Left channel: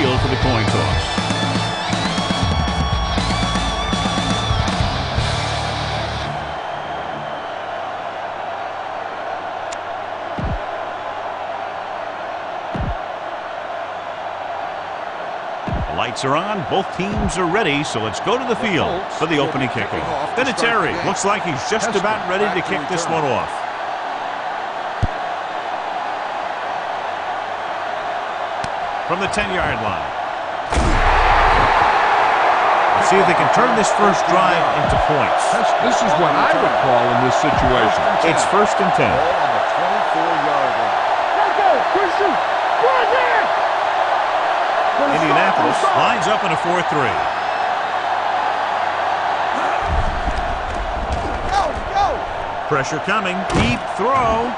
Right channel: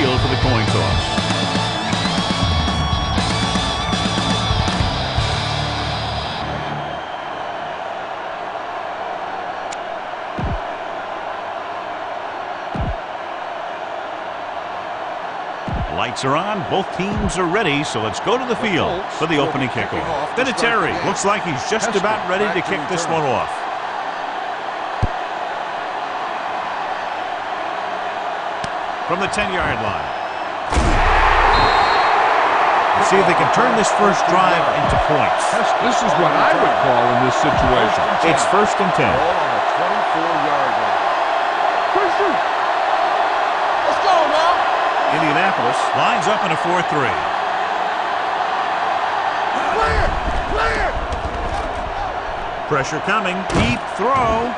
field for the coin toss. The lights are on. Both teams are ready, so let's go to the field for the opening kickoff. Vinatieri looks like he's just about ready to kick this one off. From the 10-yard line. Let's see if they can turn this first drive into points. This is what I would call in this situation. It's 1st and 10. Ball on the 24-yard line. Indianapolis lines up in a 4-3. Pressure coming. Deep throw.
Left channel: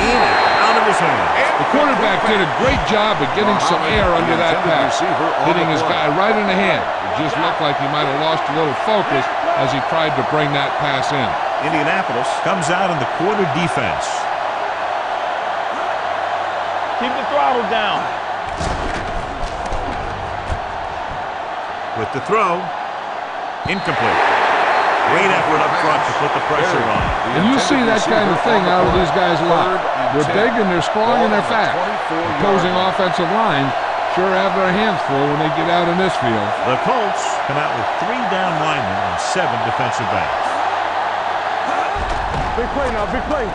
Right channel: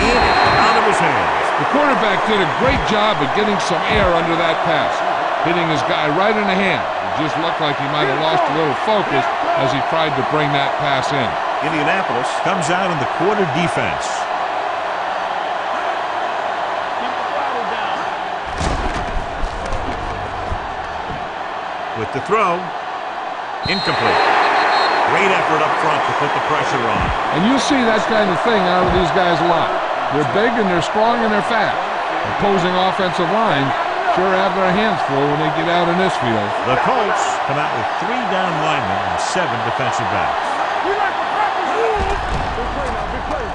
In and out of his hands. The quarterback did a great job of getting some air under that pass, hitting his guy right in the hand. It just looked like he might have lost a little focus as he tried to bring that pass in. Indianapolis comes out in the quarter defense. Keep the throttle down. With the throw, incomplete. Great effort up front to put the pressure on. And you'll see that kind of thing out of these guys a lot. They're big and they're strong and they're fast. Opposing offensive line sure have their hands full when they get out in this field. The Colts come out with 3 down linemen and 7 defensive backs. Big play now, big play.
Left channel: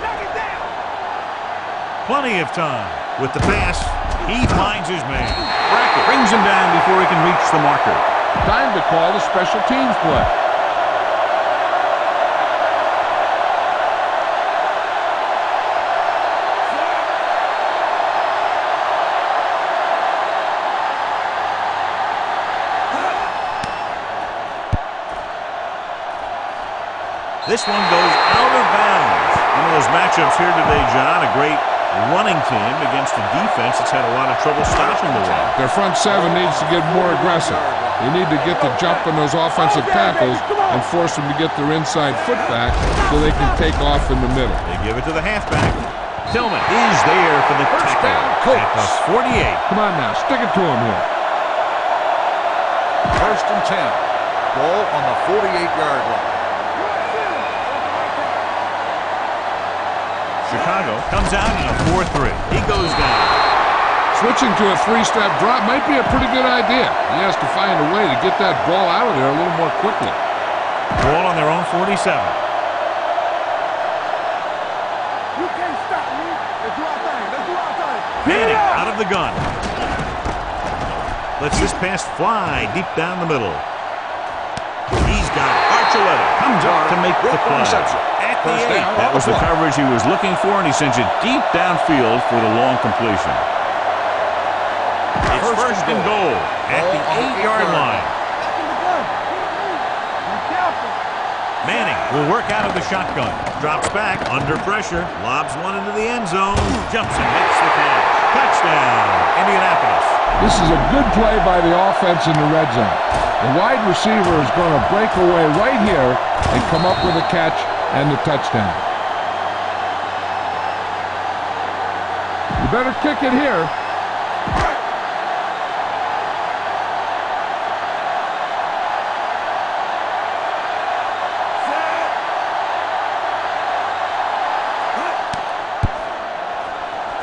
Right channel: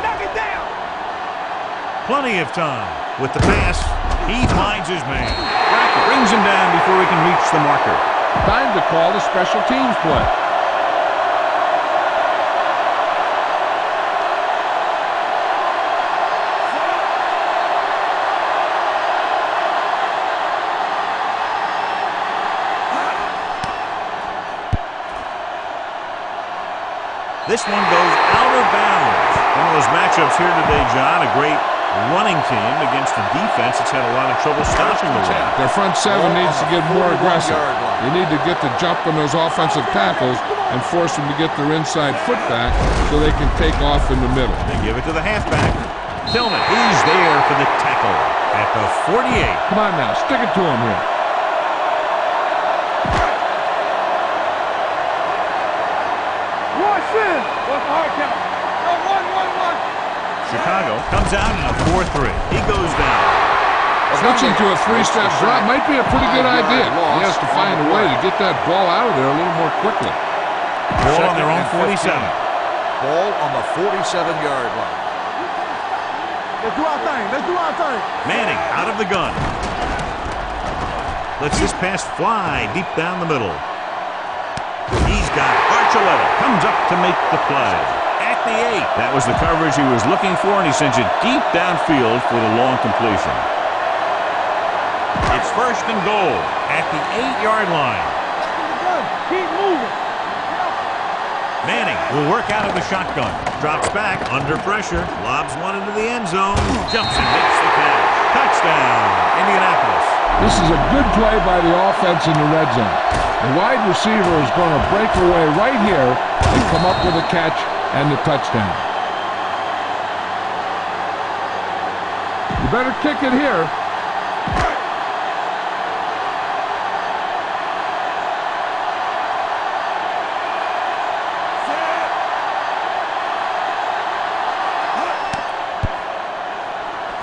Knock it down. Plenty of time. With the pass, he finds his man. Brackett brings him down before he can reach the marker. Time to call the special teams play. This one goes out of bounds. One of those matchups here today, John. A great running team against a defense that's had a lot of trouble stopping the run. Their front 7 needs to get more aggressive. They need to get the jump on those offensive tackles and force them to get their inside foot back so they can take off in the middle. They give it to the halfback. Tillman is there for the tackle at the 48. Come on now, stick it to him here. 1st and 10. Ball on the 48-yard line. What's the hard count? Chicago comes out in a 4-3. He goes down. Switching to a 3-step drop might be a pretty good idea. He has to find a way to get that ball out of there a little more quickly. Ball on their own 47. Ball on the 47-yard line. You can't stop me. Let's do our thing. Let's do our thing. Manning out of the gun. Lets this pass fly deep down the middle. He's got it. Archuleta comes up to make the play. At the 8. That was the coverage he was looking for, and he sends it deep downfield for the long completion. It's 1st and goal at the 8-yard line. Back in the gun. Keep moving. Be careful. Manning will work out of the shotgun. Drops back under pressure. Lobs one into the end zone. Jumps and makes the catch. Touchdown, Indianapolis. This is a good play by the offense in the red zone. The wide receiver is going to break away right here and come up with a catch and the touchdown. You better kick it here.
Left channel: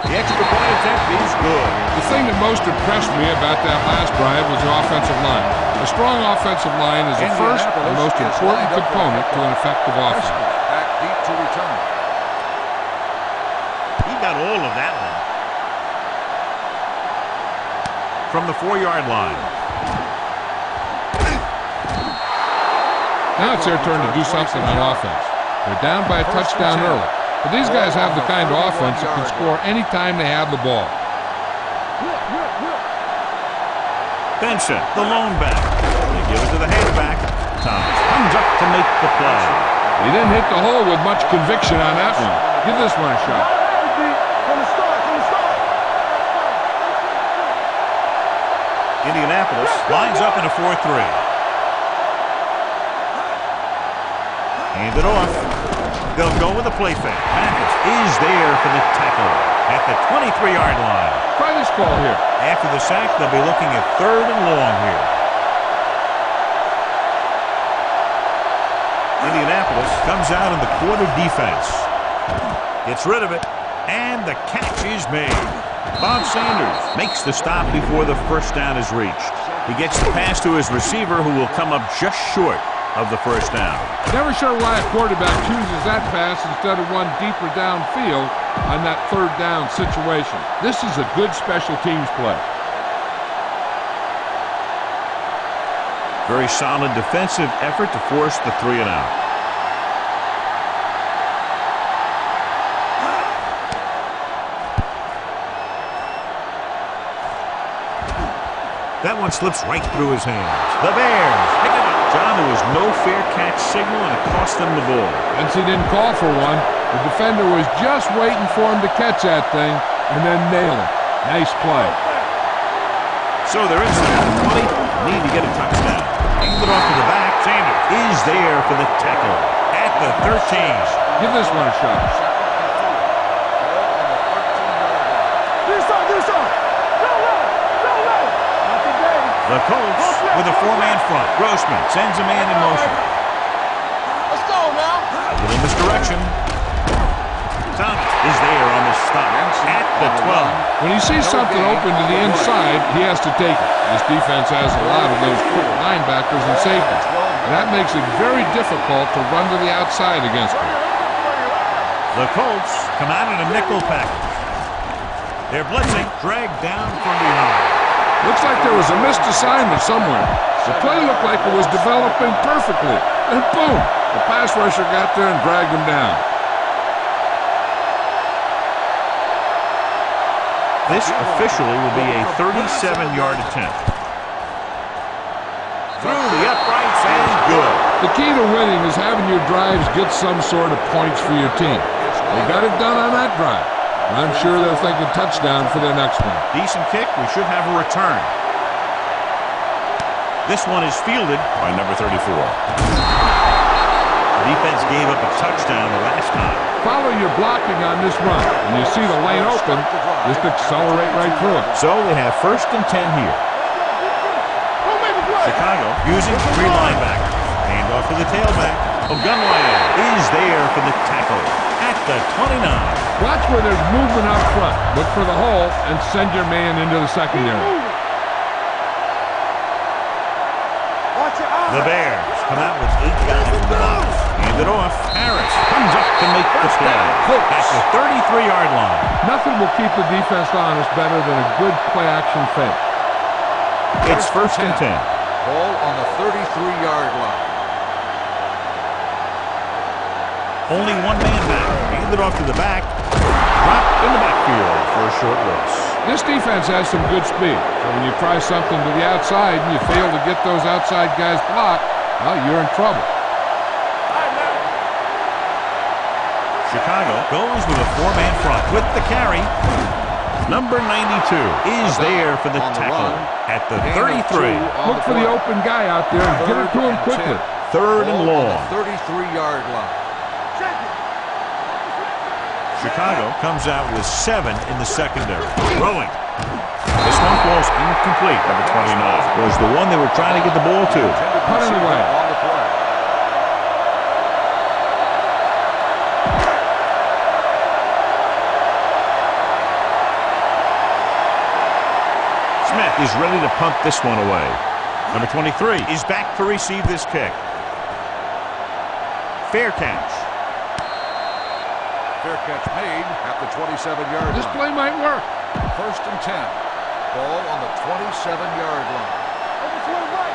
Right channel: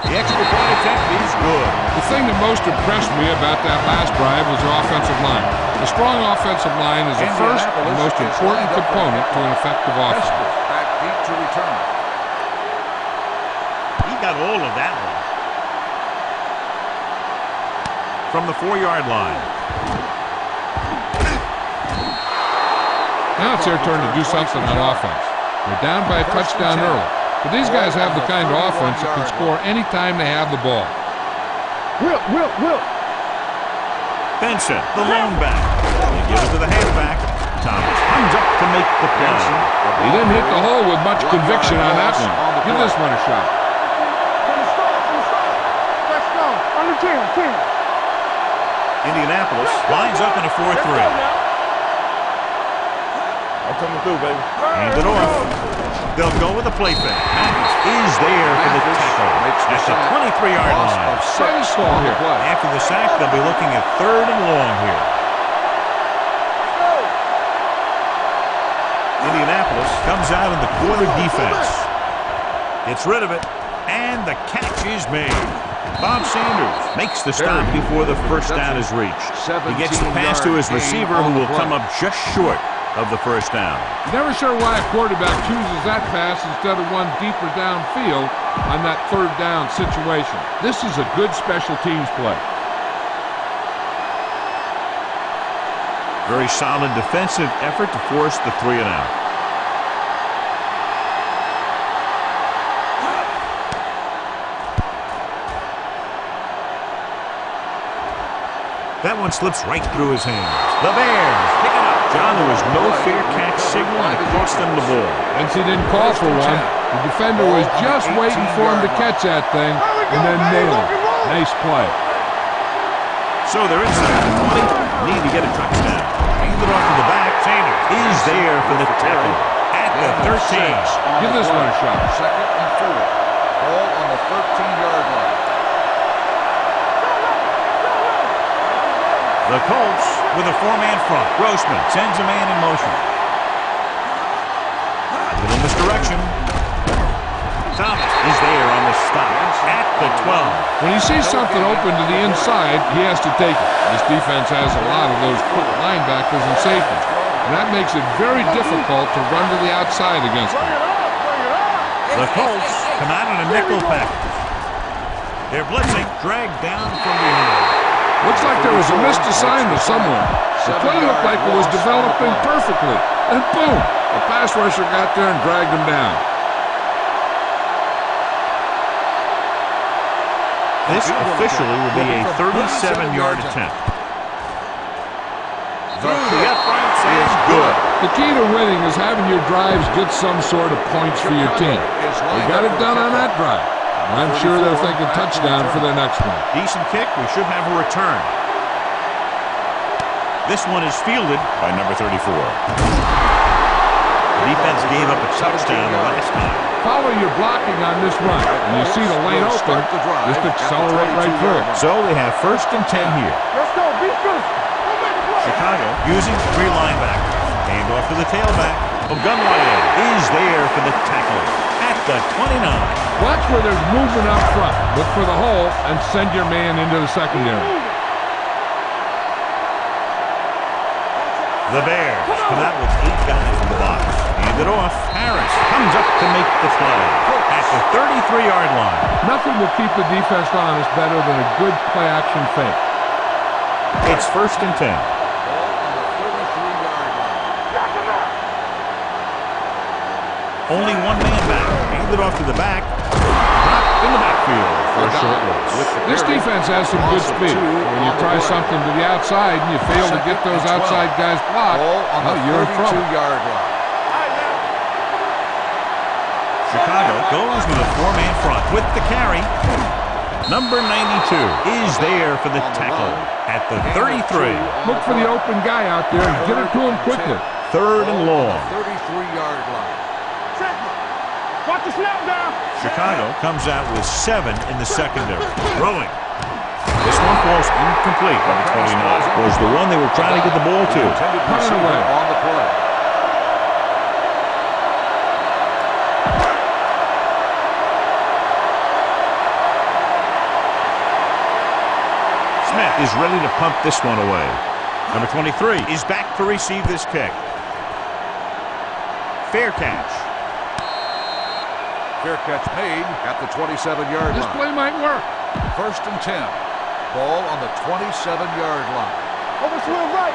The extra point attempt is good. The thing that most impressed me about that last drive was the offensive line. A strong offensive line is the first and most important component to an effective offense. Back deep to return. He got all of that one. From the 4-yard line. Now it's their turn to do something on offense. They're down by a touchdown early. But these guys have the kind of offense that can score anytime they have the ball. Will. Benson, the lone back. They give it to the halfback. Thomas comes up to make the play. He didn't hit the hole with much conviction on that one. Give this one a shot. From the start. That's strong. On the 10. Indianapolis lines up in a 4-3. That's coming through, baby. Hand it off. They'll go with a play fake. Mathis is there for the tackle at the 23-yard line. Try this call here. After the sack, they'll be looking at 3rd and long here. Indianapolis comes out in the quarter defense. Gets rid of it, and the catch is made. Bob Sanders makes the stop before the first down is reached. He gets the pass to his receiver, who will come up just short of the first down. Never sure why a quarterback chooses that pass instead of one deeper downfield on that 3rd down situation. This is a good special teams play. Very solid defensive effort to force the 3 and out. That one slips right through his hands. The Bears pick it up. John, there was no fair catch signal, and it cost them the ball. Since he didn't call for one, the defender was just waiting for him to catch that thing and then nail him. Nice play. So they're inside the 20. Need to get a touchdown. Hand it off to the back. Sanders is there for the tackle at the 13. Give this one a shot. 2nd and 4. Ball on the 13-yard line. Do something. Go low. Not today. The Colts with a 4-man front. Grossman sends a man in motion. Let's go now. A little misdirection. Thomas is there on the stop at the 12. When he sees something open to the inside, he has to take it. This defense has a lot of those quick linebackers and safeties, and that makes it very difficult to run to the outside against them. The Colts come out in a nickel package. They're blitzing, dragged down from behind. Looks like there was a missed assignment somewhere. The play looked like it was developing perfectly, and boom, the pass rusher got there and dragged him down. This officially will be a 37-yard attempt. Through the uprights and good. The key to winning is having your drives get some sort of points for your team. They got it done on that drive. I'm sure they're thinking touchdown for their next one. Decent kick. We should have a return. This one is fielded by number 34. The defense gave up a touchdown the last time. Follow your blocking on this run. When you see the lane open, just accelerate right through it. So they have 1st and 10 here. Let's go. Beat this. Don't make a play. Chicago using 3 linebackers. Hand off to the tailback. Ogunwaye is there for the tackle at the 29. Watch where there's movement up front. Look for the hole and send your man into the secondary. The Bears come out with 8 guys in the box. Hand it off. Harris comes up to make the play at the 33-yard line. Nothing will keep the defense honest better than a good play-action fake. It's 1st and 10. Ball on the 33-yard line. Only 1 man back. Hand it off to the back. Dropped in the backfield for a short loss. This defense has some good speed. So when you try something to the outside and you fail to get those outside guys blocked, well, you're in trouble. Chicago goes with a 4-man front with the carry. Number 92 is there for the tackle at the 33. Look for the open guy out there and get it to him quickly. 3rd and long. 33-yard line. Check it. Watch the snap down. Chicago comes out with 7 in the secondary. Throwing. This one falls incomplete. Number 29 was the one they were trying to get the ball to. Put it away. On the play. Smith is ready to punt this one away. Number 23 is back to receive this kick. Fair catch. Fair catch made at the 27-yard line. This play might work. 1st and 10. Ball on the 27-yard line. Overswing right.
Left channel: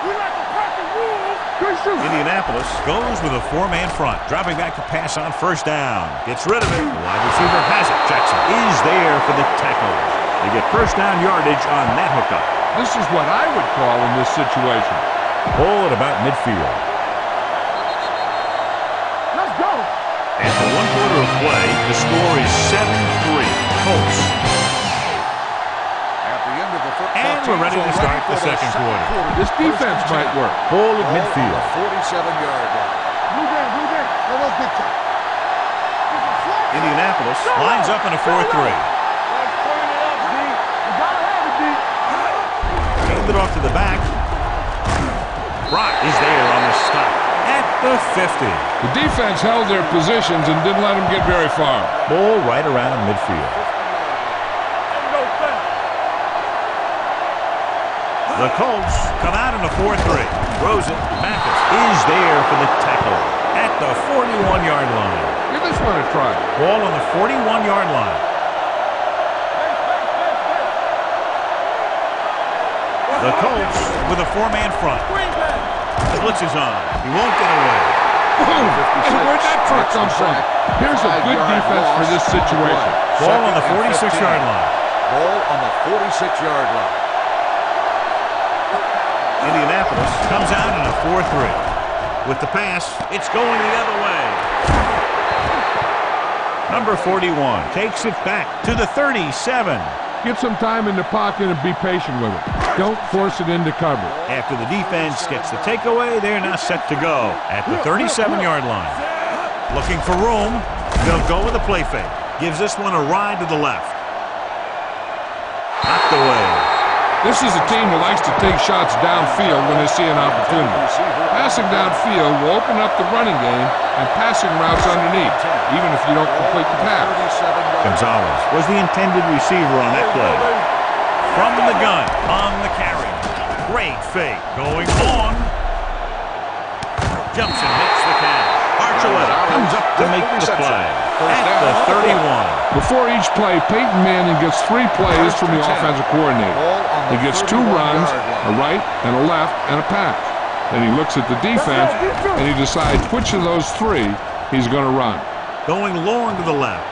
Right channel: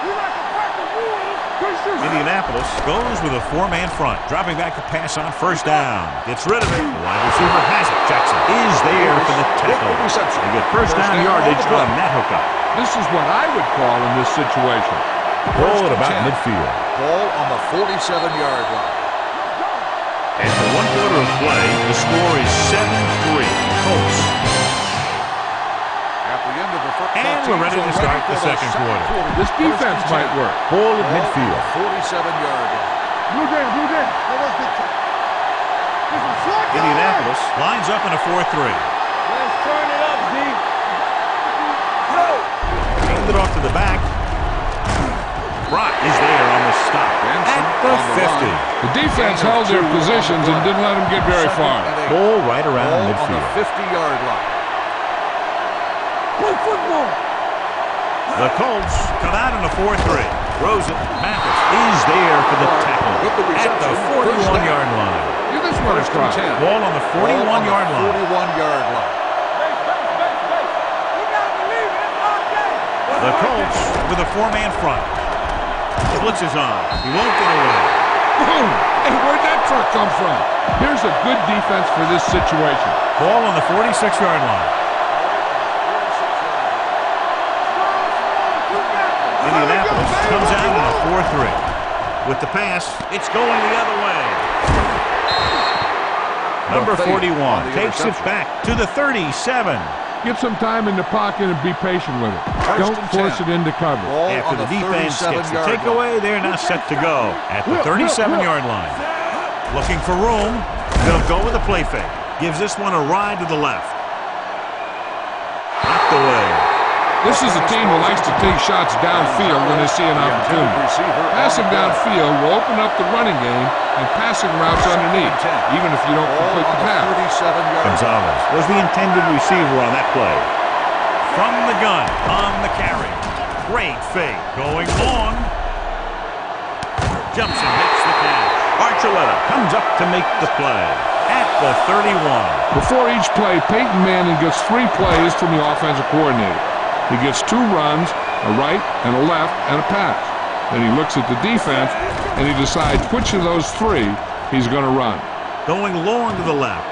We like to practice rules. Good shoot. Indianapolis goes with a 4-man front, dropping back to pass on 1st down. Gets rid of it. The wide receiver has it. Jackson is there for the tackle. They get 1st down yardage on that hookup. This is what I would call in this situation. Ball at about midfield. Ball on the 47-yard line. Let's go. After 1 quarter of play, the score is 7-3. Colts. At the end of the first, And we're ready to start the second quarter. This defense might work. Ball at Ball midfield. on the 47-yard line. Blue game. Let us big time. Indianapolis lines up in a 4-3. Let's turn it up, D. You gotta have it, D. Hand it off to the back. Brock is there on the stop at the 50. The defense held their positions and didn't let them get very far. Ball right around midfield. 50-yard line. The Colts come out in a 4-3. Throws it. Mathis is there for the tackle at the 41-yard line. Give this one a try. Ball on the 41-yard line. 41-yard line. The Colts with a 4-man front. The blitz is on. He won't get away. Boom! And where'd that truck come from? Here's a good defense for this situation. Ball on the 46-yard line. Ball on the 46-yard line. Indianapolis comes out in a 4-3. With the pass, it's going the other way. Number 41 takes it back to the 37. Get some time in the pocket and be patient with it. Don't force it into cover. After the defense gets the takeaway, they're now set to go at the 37-yard line. Looking for room. They'll go with a play fake. Gives this one a ride to the left. Knocked away. This is a team that likes to take shots downfield when they see an opportunity. Passing downfield will open up the running game and passing routes underneath, even if you don't complete the pass. Gonzalez was the intended receiver on that play. From the gun, on the carry. Great fake. Going long. Jumps and makes the catch. Archuleta comes up to make the play at the 31. Before each play, Peyton Manning gets 3 plays from the offensive coordinator. He gets 2 runs, a right and a left, and a pass. Then he looks at the defense, and he decides which of those 3 he's going to run. Going long to the left.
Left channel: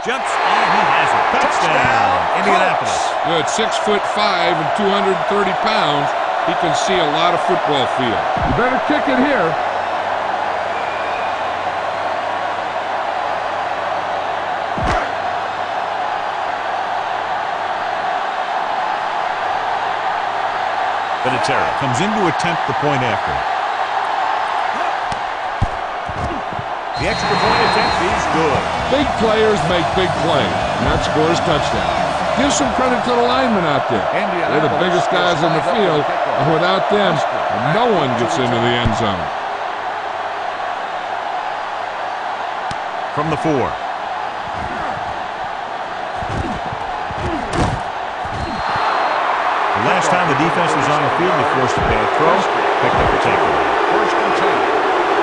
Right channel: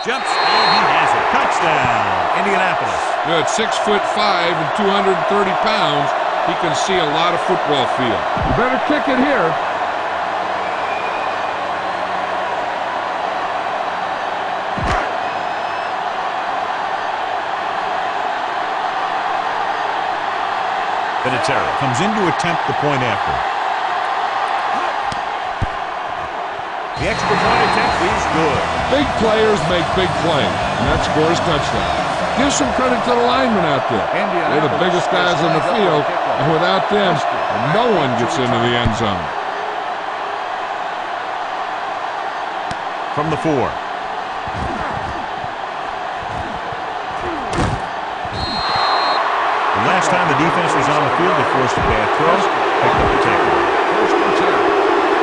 Jumps, and he has it. Touchdown, Indianapolis. Good, 6'5" and 230 pounds. He can see a lot of football field. You better kick it here. Vinatieri comes in to attempt the point after. The extra point attempt is good. Big players make big plays, and that scores touchdown. Give some credit to the linemen out there. They're the biggest guys on the field, and without them, no one gets into the end zone. From the 4. The last time the defense was on the field, they forced a bad throw, picked up a takeaway. 1st and 10.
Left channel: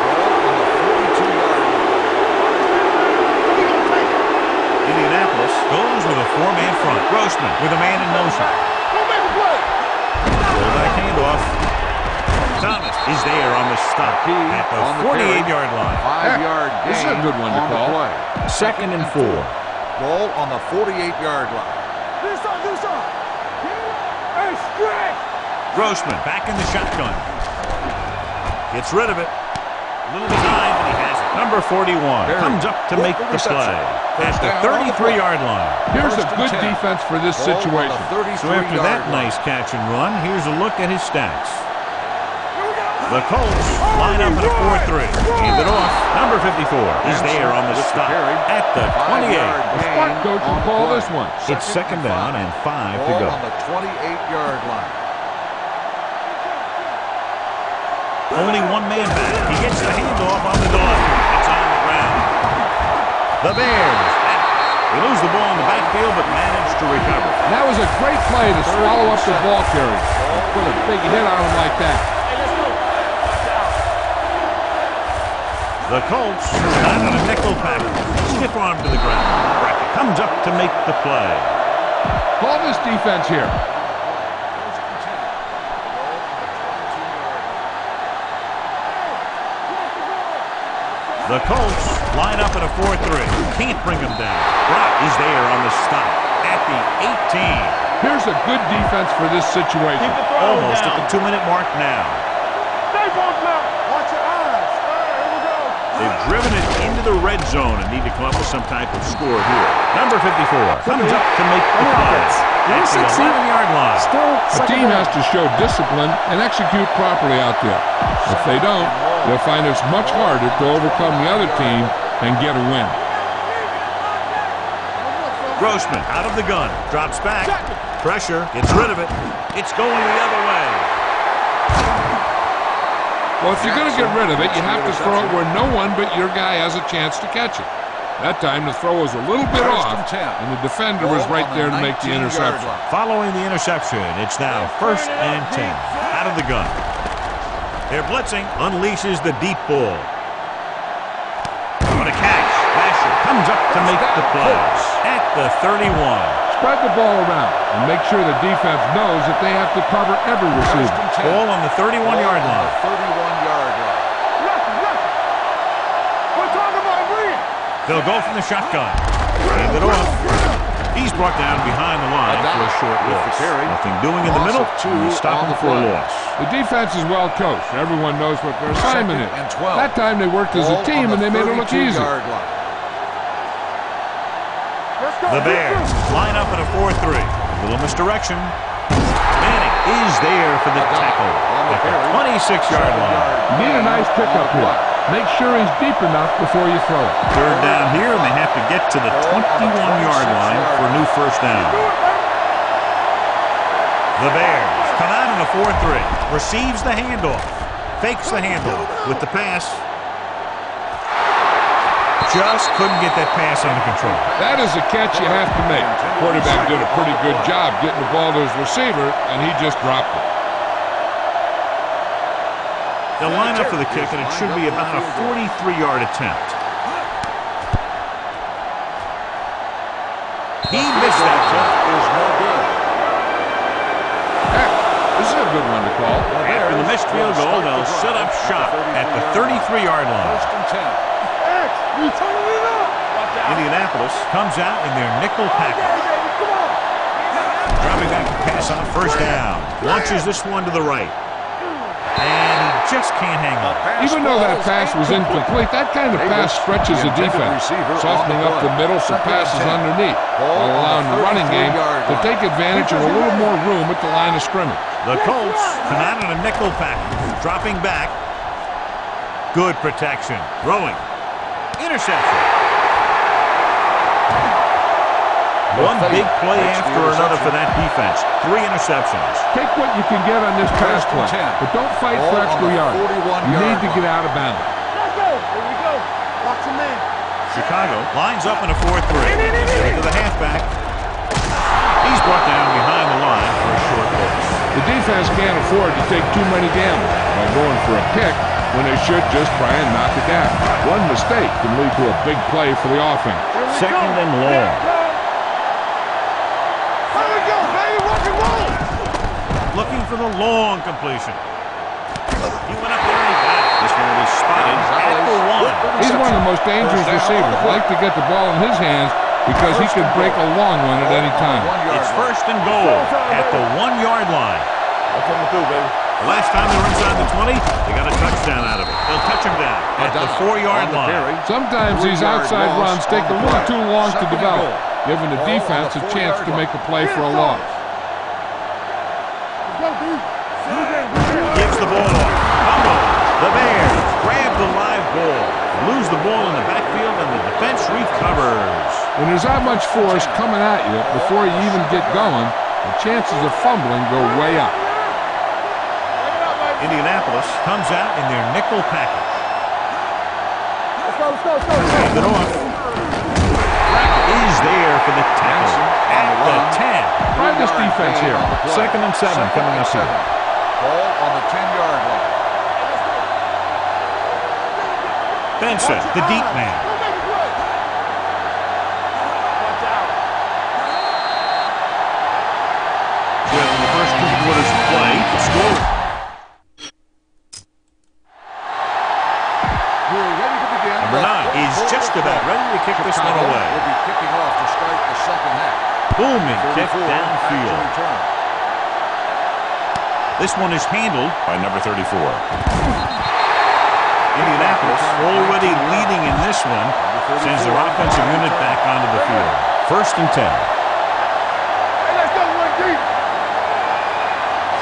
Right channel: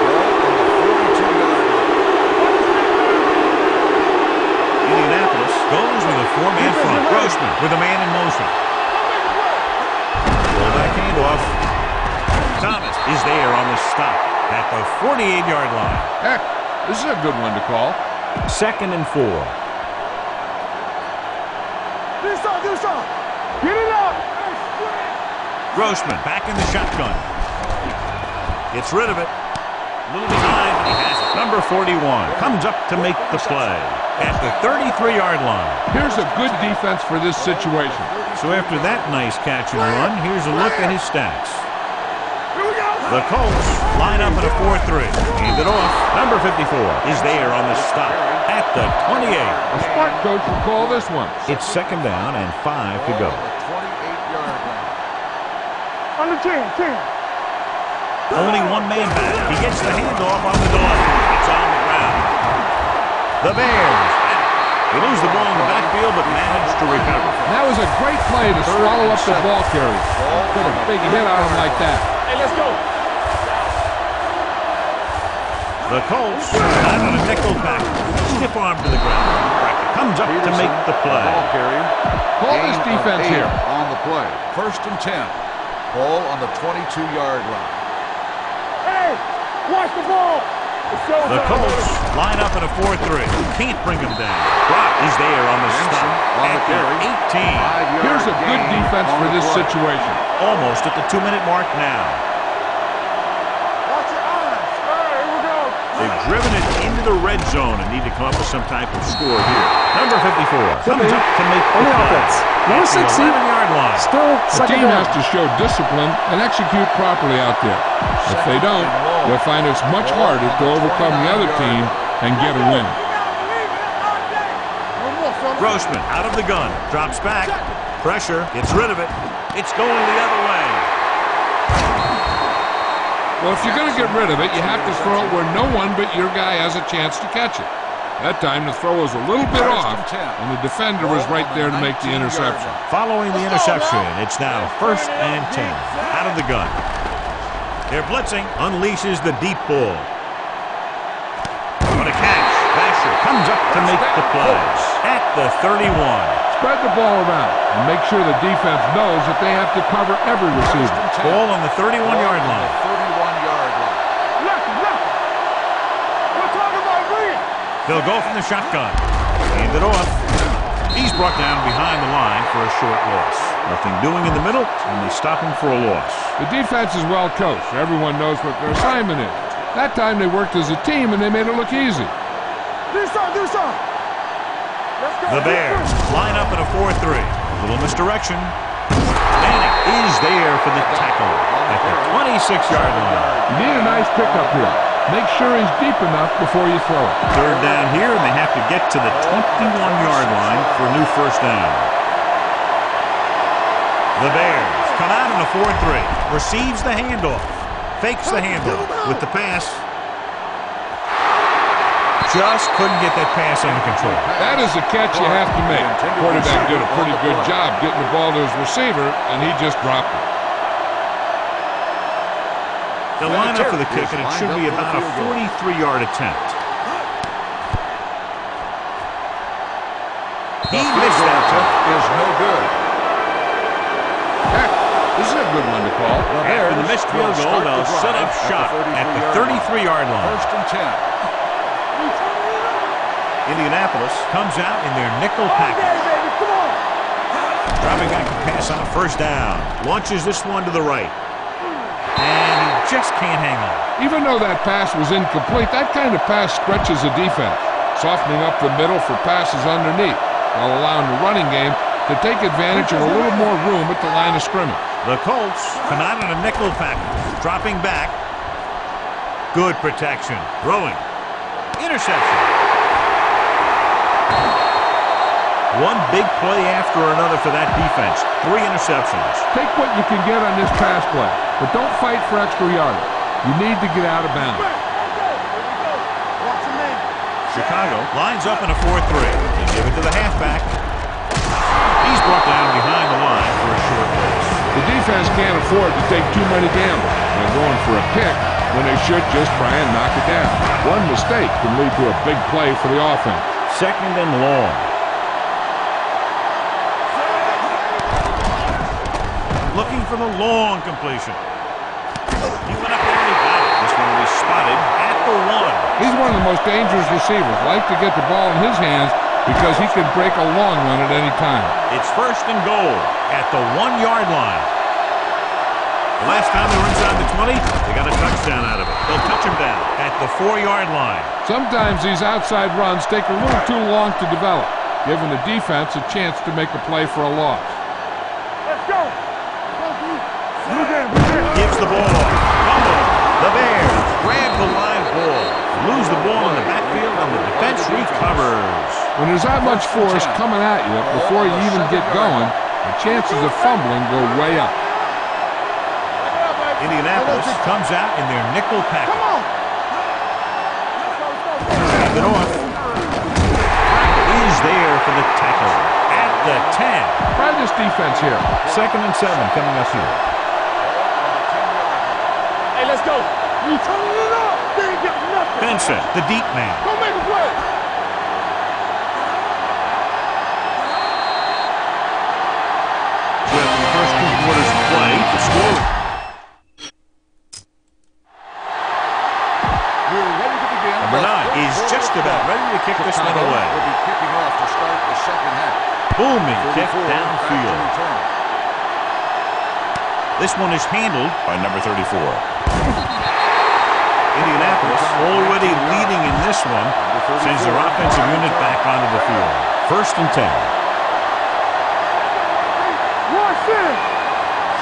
Ball on the 42-yard line. Indianapolis goes with a 4-man front. Grossman with a man in motion. Fullback handoff. Thomas is there on the stop at the 48-yard line. Heck, this is a good one to call. 2nd and 4. Ball on the 48-yard line. Do something. Get it up and stretch. Grossman back in the shotgun. Gets rid of it. A little behind, but he has it. Number 41 comes up to make the play at the 33-yard line. Here's a good defense for this situation. So after that nice catch and run, here's a look at his stats. The Colts line up in a 4-3. Hand it off. Number 54 is there on the stop at the 28. The smart coach will call this one. It's 2nd down and 5 to go. On the 28-yard line. On the 10. Only 1 man back. He gets the handoff on the delay. It's on the ground. The Bears have it. They lose the ball in the backfield, but manage to recover. That was a great play to swallow up the ball carrier. Put a big hit on him like that. Hey, let's go. Watch out. The Colts got on a nickel back. Stiff arm to the ground. Brackett comes up to make the play. Call this defense here. On the play. 1st and 10. Ball on the 22-yard line. Hey, watch the ball. The Colts line up in a 4-3. Can't bring him down. Brock is there on the stop at the 18. Here's a good defense for this situation. Almost at the 2-minute mark now. Watch your eyes. All right, here we go. They've driven it into the red zone and need to come up with some type of score here. Number 54 comes up to make the play at the 11-yard line. The team has to show discipline and execute properly out there. If they don't, they'll find it's much harder to overcome the other team and get a win. Grossman out of the gun. Drops back. Pressure. Gets rid of it. It's going the other way. Well, if you're going to get rid of it, you have to throw it where no one but your guy has a chance to catch it. That time, the throw was a little bit off, and the defender was right there to make the interception. Following the interception, it's now 1st and 10. Out of the gun. They're blitzing. Unleashes the deep ball. What a catch. Vasher comes up to make the play. At the 31. Spread the ball around and make sure the defense knows that they have to cover every receiver. Ball on the 31-yard line. We're talking about bringing. They'll go from the shotgun. Hand it off. He's brought down behind the line for a short loss. Nothing doing in the middle, and they stop him for a loss. The defense is well coached. Everyone knows what their assignment is. That time they worked as a team, and they made it look easy. The Bears line up in a 4-3. A little misdirection. Manning is there for the tackle at the 26-yard line. You need a nice pickup here. Make sure he's deep enough before you throw it. 3rd down here, and they have to get to the 21-yard line for a new 1st down. The Bears come out in a 4-3. Receives the handoff. Fakes the handoff with the pass. Just couldn't get that pass under control. That is a catch you have to make. The quarterback did a pretty good job getting the ball to his receiver, and he just dropped it. They'll line up for the kick, and it should be about a 43-yard attempt. He missed that jump. Is no good. Heck, this is a good one to call. After the missed field goal, they'll set up shop at the 33-yard line. 1st and 10. We turning it up. Indianapolis comes out in their nickel package. Okay, baby, come on. Dropping back to pass on 1st down. Launches this one to the right. And he just can't hang on. Even though that pass was incomplete, that kind of pass stretches the defense, softening up the middle for passes underneath, while allowing the running game to take advantage of a little more room at the line of scrimmage. The Colts come out in a nickel package. Dropping back. Good protection. Throwing. Interception. One big play after another for that defense. 3 interceptions. Take what you can get on this pass play, but don't fight for extra yardage. You need to get out of bounds. Let's go. Here we go. Watch a man. Chicago lines up in a 4-3. They give it to the halfback. He's brought down behind the line for a short loss. The defense can't afford to take too many gambles by going for a pick when they should just try and knock it down. One mistake can lead to a big play for the offense. 2nd and long. Looking for the long completion. He went up there and he got it. This one will be spotted at the 1. He's one of the most dangerous receivers. Like to get the ball in his hands because he can break a long one at any time. It's 1st and goal at the 1-yard line. The last time they were inside the 20, they got a touchdown out of it. They'll touch him down at the 4-yard line. Sometimes these outside runs take a little too long to develop, giving the defense a chance to make a play for a loss. Gives the ball off. Fumble. The Bears grab the live ball. Lose the ball in the backfield, and the defense recovers. When there's that much force coming at you before you even get going, the chances of fumbling go way up. Indianapolis comes out in their nickel package. Hand it off. Brackett is there for the tackle at the 10. Try this defense here. 2nd and 7 coming up here. Ball on the 10-yard line. Hey, let's go. We turning it up. They ain't got nothing. Benson, the deep man. Go make a play. Watch out. With the first 2 quarters of play, the score. We're ready to begin. Number 9 is just about ready to kick this one away. Will be kicking off to start the 2nd half. Booming kick 34 back to downfield. return. This one is handled by number 34. Indianapolis already leading in this one, sends their offensive unit back onto the field. 1st and 10. Hey, let's go, 1 deep. 1 center.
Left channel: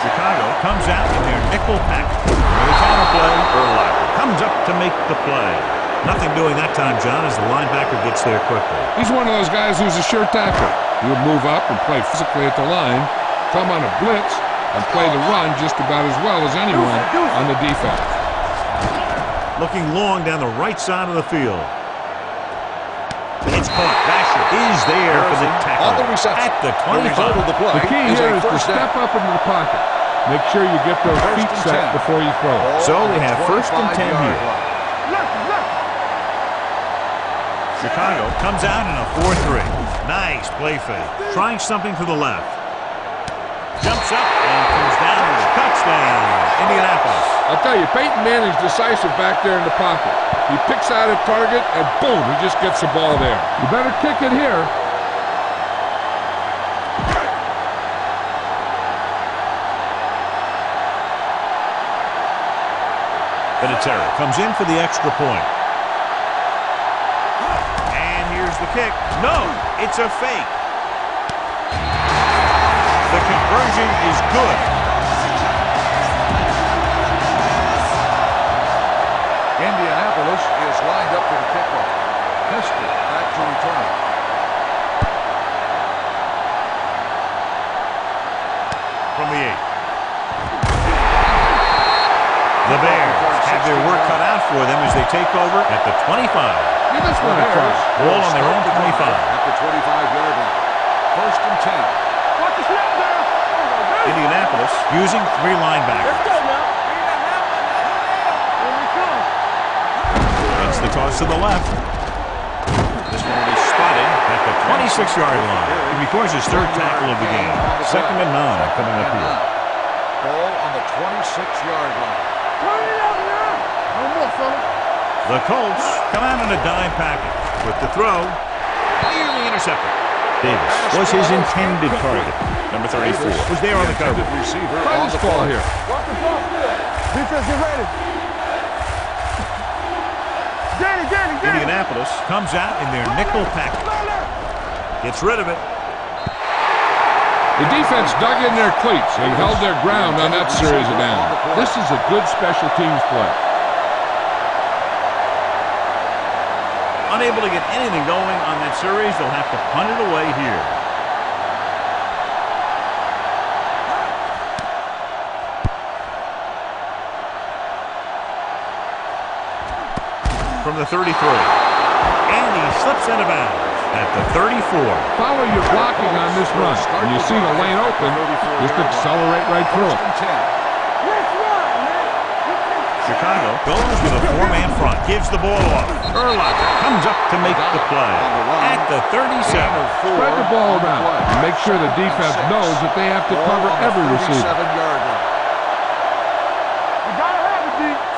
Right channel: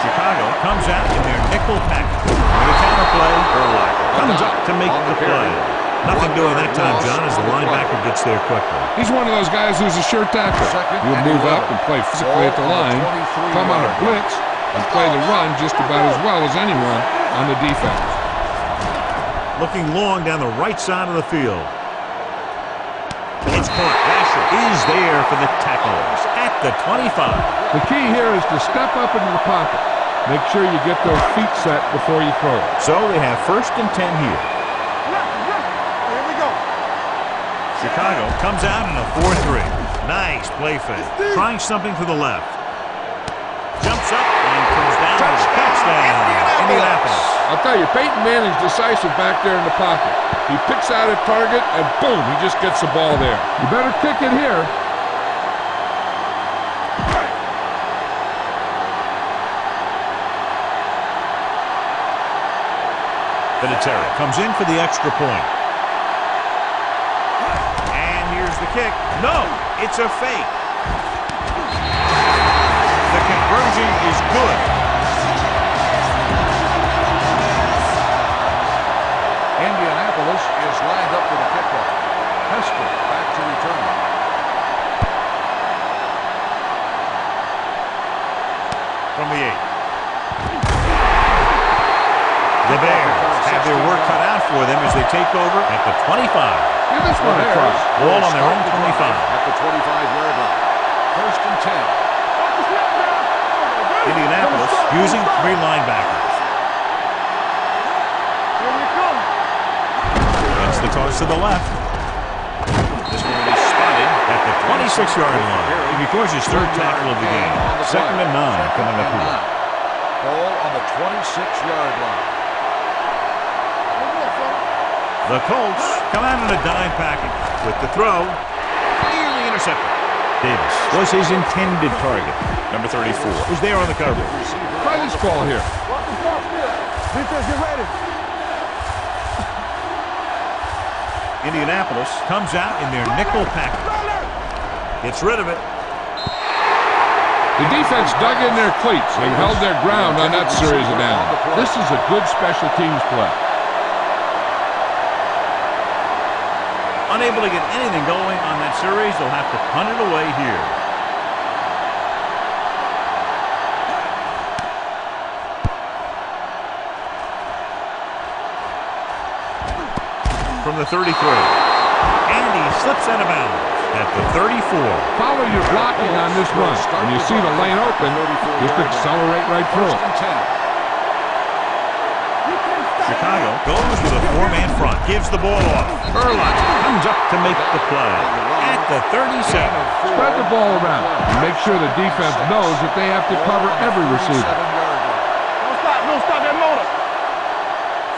Chicago comes out in their nickel package. With a counterplay, Urlacher comes up to make the play. Nothing doing that time, John, as the linebacker gets there quickly. He's one of those guys who's a sure tackler. He'll move up and play physically at the line, come on a blitz, and play the run just about as well as anyone on the defense. Looking long down the right side of the field. It's caught. Vasher is there for the tackle at the 25. The key here is to step up into the pocket. Make sure you get those feet set before you throw it. So they have 1st and 10 here. Chicago comes out in a 4-3. Nice play fake. Trying something to the left. Jumps up and comes down with a touchdown. Indianapolis. I'll tell you, Peyton Manning's decisive back there in the pocket. He picks out a target, and boom, he just gets the ball there. You better kick it here. Vinatieri comes in for the extra point. And here's the kick. No, it's a fake. The conversion is good. Indianapolis is lined up for the kickoff. Hester back to return. From the 8. The Bears have their work cut out for them as they take over at the 25. Give this one a try. Ball on their own 25. At the 25-yard line. 1st and 10. Watch the snap down. Indianapolis using 3 linebackers. Here we come. It's the toss to the left. This one will be spotted at the 26-yard line. He records his 3rd tackle of the game. 2nd and 9 coming up here. Ball on the 26-yard line. The Colts come out in a dime package with the throw nearly intercepted. Davis was his intended target. Number 34 was there on the coverage. Try this ball here. Walk the ball still. Defense, get ready. Indianapolis comes out in their nickel package. Gets rid of it. The defense dug in their cleats and held their ground on that series of downs. This is a good special teams play. Unable to get anything going on that series, they'll have to punt it away here. From the 33. And he slips out of bounds at the 34. Follow your blocking on this run. When you see the lane open, just accelerate right through it. Chicago goes with a 4-man front. Gives the ball off. Urlacher comes up to make the play at the 37. Spread the ball around and make sure the defense knows that they have to cover every receiver.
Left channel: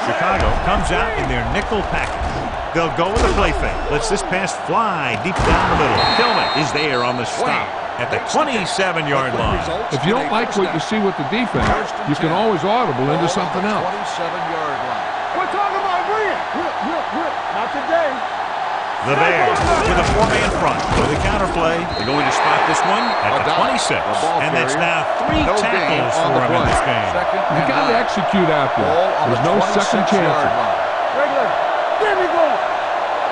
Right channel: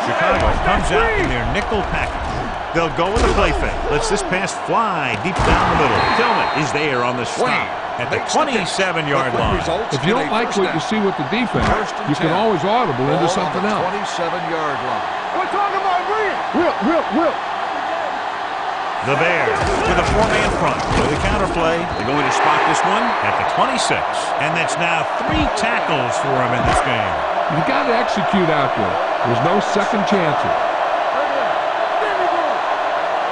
Chicago comes out in their nickel package. They'll go with a play fake. Lets this pass fly deep down the middle. Tillman is there on the stop at the 27-yard line. If you don't like what you see with the defense, you can always audible into something else. 27-yard line. We're talking about brilliant. Will. Not today. The Bears with a 4-man front. For the counter play, they're going to spot this one at the 26. And that's now 3 tackles for him in this game. You got to execute out there. There's no second chances. Regular. There we go.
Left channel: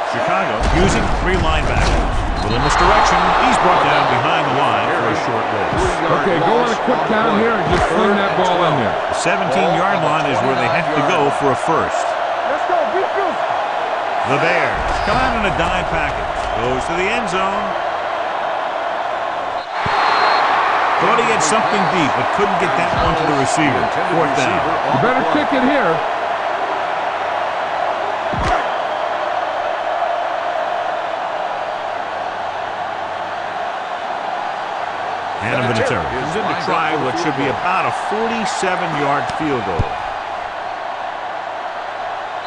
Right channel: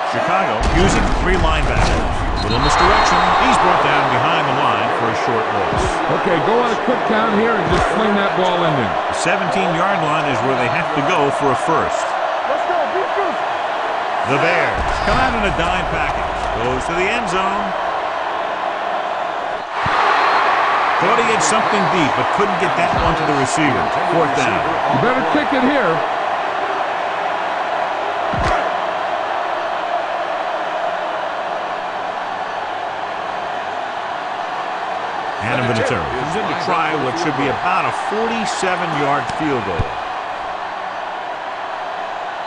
Chicago using 3 linebackers. Little misdirection. He's brought down behind the line for a short loss. Okay, go on a quick count here and just fling that ball in there. The 17-yard line is where they have to go for a first. Let's go. Be physical. The Bears come out in a dime package. Goes to the end zone. Thought he had something deep, but couldn't get that one to the receiver. 4th down. You better kick it here. And Vinatieri comes in to try what should be about a 47-yard field goal.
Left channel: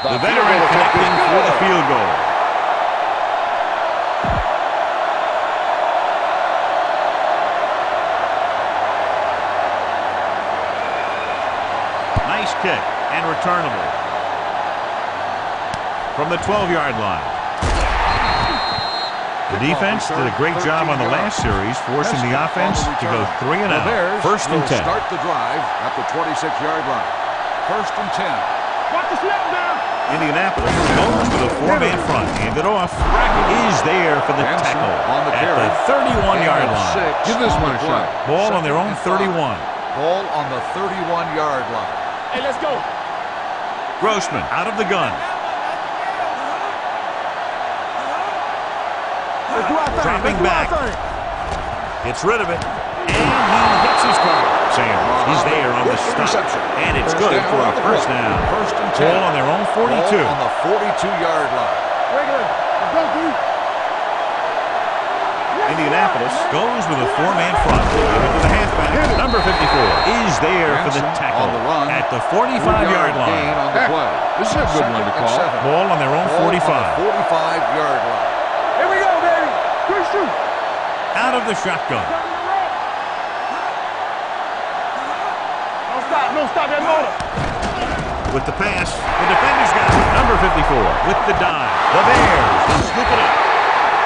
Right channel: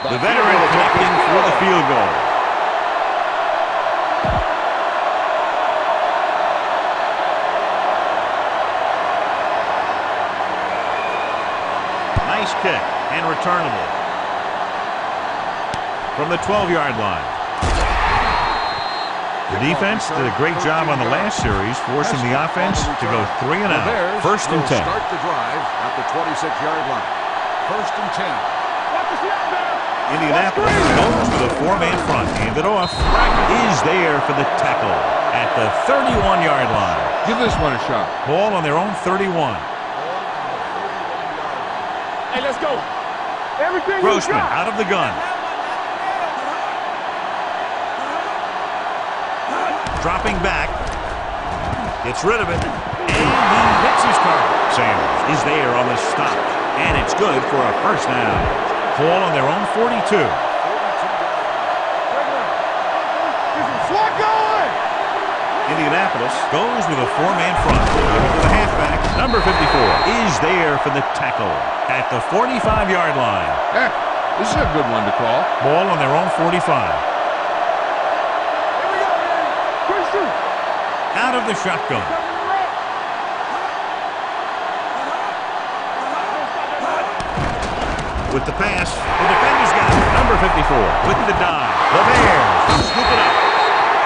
The veteran connecting for the field goal. Nice kick and returnable. From the 12-yard line. The defense did a great job on the last series, forcing the offense to go 3 and out. 1st and 10. Start the drive at the 26-yard line. 1st and 10. Watch the snap down. Indianapolis goes with a four-man front. Handed off. Brackett is there for the tackle at the 31-yard line. Give this one a shot. Ball on their own 31. Ball on the 31-yard line. Hey, let's go. Everything Grossman out of the gun. Dropping back. Gets rid of it. And he hits his target. Sanders is there on the stop. And it's good for a first down. Ball on their own 42. Ball on the 42-yard line. Regular. Go, dude. This is swag going. Indianapolis goes with a four-man front. Give it to the halfback. Number 54 is there for the tackle at the 45-yard line. Heck, this is a good one to call. Ball on their own 45. 45-yard line. Here we go, baby. Quick shoot. Out of the shotgun. No stop that motor. With the pass, the defender's got it. Number 54 with the dive. The Bears scoop it up.